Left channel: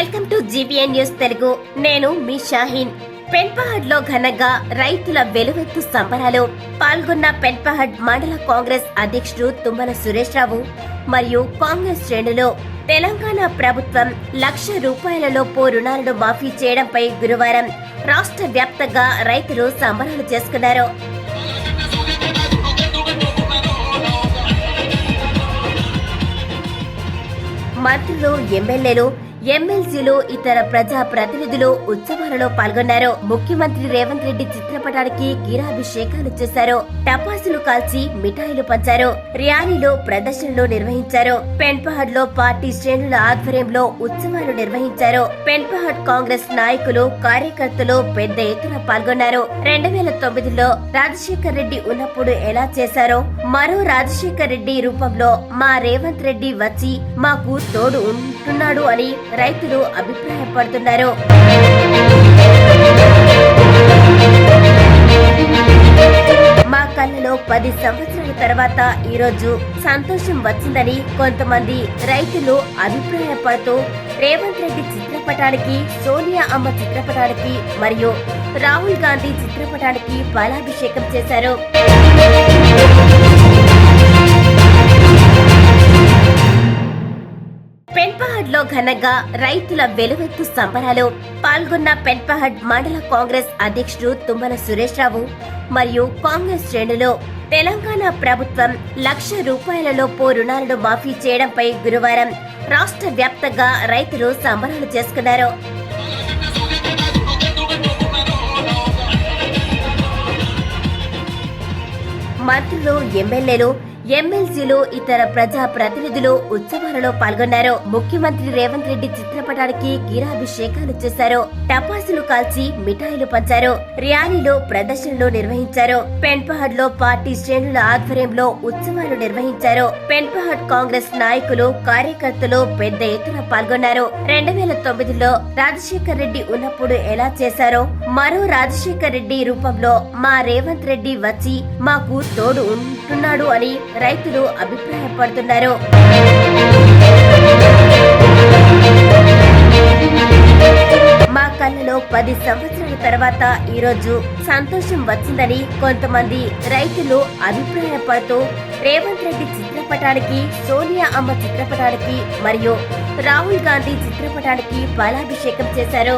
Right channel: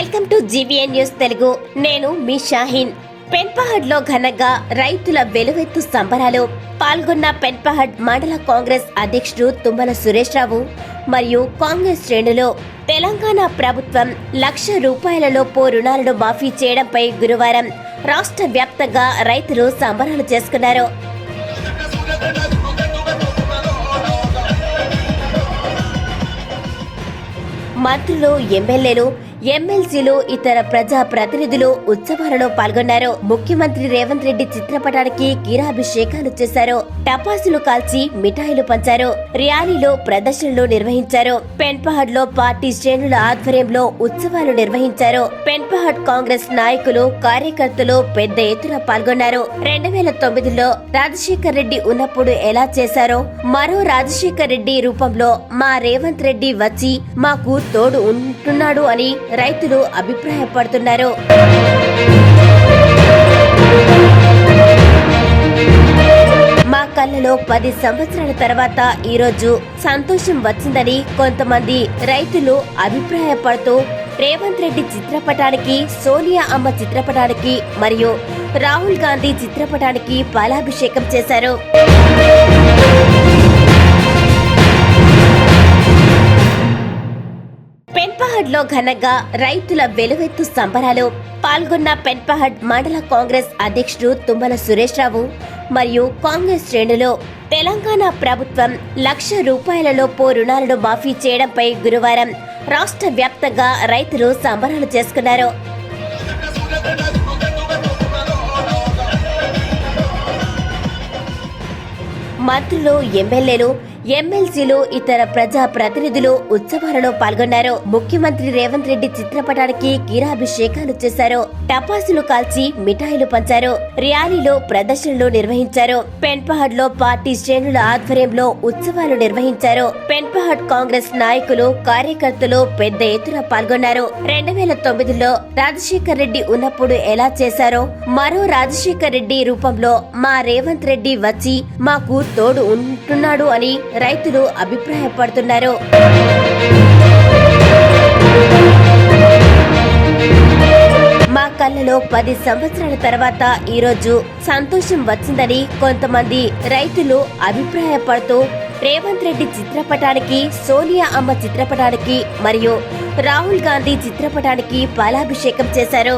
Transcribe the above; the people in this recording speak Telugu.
Welcome to GVN news Telugu. నేను మీ షాహీన్. పెన్పహడ్ లో ఘనంగా రైతుల వెలువెత్తు సంబరాలు. పాల్గొన్న పెన్పహడ్ మండల కాంగ్రెస్ అధ్యక్షుడు తుమ్మల సురేష్ రావు మరియు కాంగ్రెస్ శ్రేణులు తెలంగాణ ప్రభుత్వం ₹1,00,000 రుణాలను మాఫీ చేయడంపై గురువారం రాష్ట్ర వ్యాప్తంగా రైతులు సంబరాలు చేసుకున్నారు. మంత్రులు, ఎమ్మెల్యేలు, ఎమ్మెల్సీలు, ఇతర ప్రజా ప్రతినిధులు ఉత్సవాలలో పాల్గొన్నారు. ముఖ్యమంత్రి రేవంత్ రెడ్డి చిత్రపటానికి క్షీరాభిషేకాలు చేశారు. టపాసులు కాల్చి మిఠాయిలు పంచారు. ర్యాలీలు, ప్రదర్శనలు నిర్వహించారు. పెన్పహడ్ లో పార్టీ శ్రేణుల ఆధ్వర్యంలో ఉత్సవాలు నిర్వహించారు. పెన్పహడ్ కాంగ్రెస్ నాయకులు, కార్యకర్తలు పెద్ద ఎత్తున పాల్గొన్నారు. 2009లో రాజశేఖర్ రెడ్డి ఉన్నప్పుడు ఎలా చేశారో మరో రాజశేఖర్ రెడ్డి రూపంలో మా రేవంత్ రెడ్డి వచ్చి మాకు తోడు ఉంటున్నాడు అని రైతులు అభిప్రాయపడుతున్నారు. మా కళ్ళలో 10 సంవత్సరాల తర్వాత ఈ రోజు సంతోషం వచ్చిందని కొంతమంది రైతులు అభిప్రాయపడుతూ రేవంత్ రెడ్డి చిత్రపటానికి, సోనియా అమ్మ చిత్రపటానికి మరియు రాహుల్ గాంధీ చిత్రపటానికి పాలాభిషేకం చేశారు. పెన్పహడ్ లో ఘనంగా రైతుల వెలువెత్తు సంబరాలు. పాల్గొన్న పెన్పహడ్ మండల కాంగ్రెస్ అధ్యక్షుడు తుమ్మల సురేష్ రావు మరియు కాంగ్రెస్ శ్రేణులు తెలంగాణ ప్రభుత్వం ₹1,00,000 రుణాలను మాఫీ చేయడంపై గురువారం రాష్ట్ర వ్యాప్తంగా రైతులు సంబరాలు చేసుకున్నారు. మంత్రులు, ఎమ్మెల్యేలు, ఎమ్మెల్సీలు, ఇతర ప్రజా ప్రతినిధులు ఉత్సవాలలో పాల్గొన్నారు. ముఖ్యమంత్రి రేవంత్ రెడ్డి చిత్రపటానికి క్షీరాభిషేకాలు చేశారు. టపాసులు కాల్చి మిఠాయిలు పంచారు. ర్యాలీలు, ప్రదర్శనలు నిర్వహించారు. పెన్పహడ్ లో పార్టీ శ్రేణుల ఆధ్వర్యంలో ఉత్సవాలు నిర్వహించారు. పెన్పహడ్ కాంగ్రెస్ నాయకులు, కార్యకర్తలు పెద్ద ఎత్తున పాల్గొన్నారు. 2009లో రాజశేఖర్ రెడ్డి ఉన్నప్పుడు ఎలా చేశారో మరో రాజశేఖర్ రెడ్డి రూపంలో మా రేవంత్ రెడ్డి వచ్చి మాకు తోడు ఉంటున్నాడు అని రైతులు అభిప్రాయపడుతున్నారు. మా కళ్ళలో 10 సంవత్సరాల తర్వాత ఈ రోజు సంతోషం వచ్చిందని కొంతమంది రైతులు అభిప్రాయపడుతూ రేవంత్ రెడ్డి చిత్రపటానికి, సోనియా అమ్మ చిత్రపటానికి మరియు రాహుల్ గాంధీ చిత్రపటానికి పాలాభిషేకం చేశారు.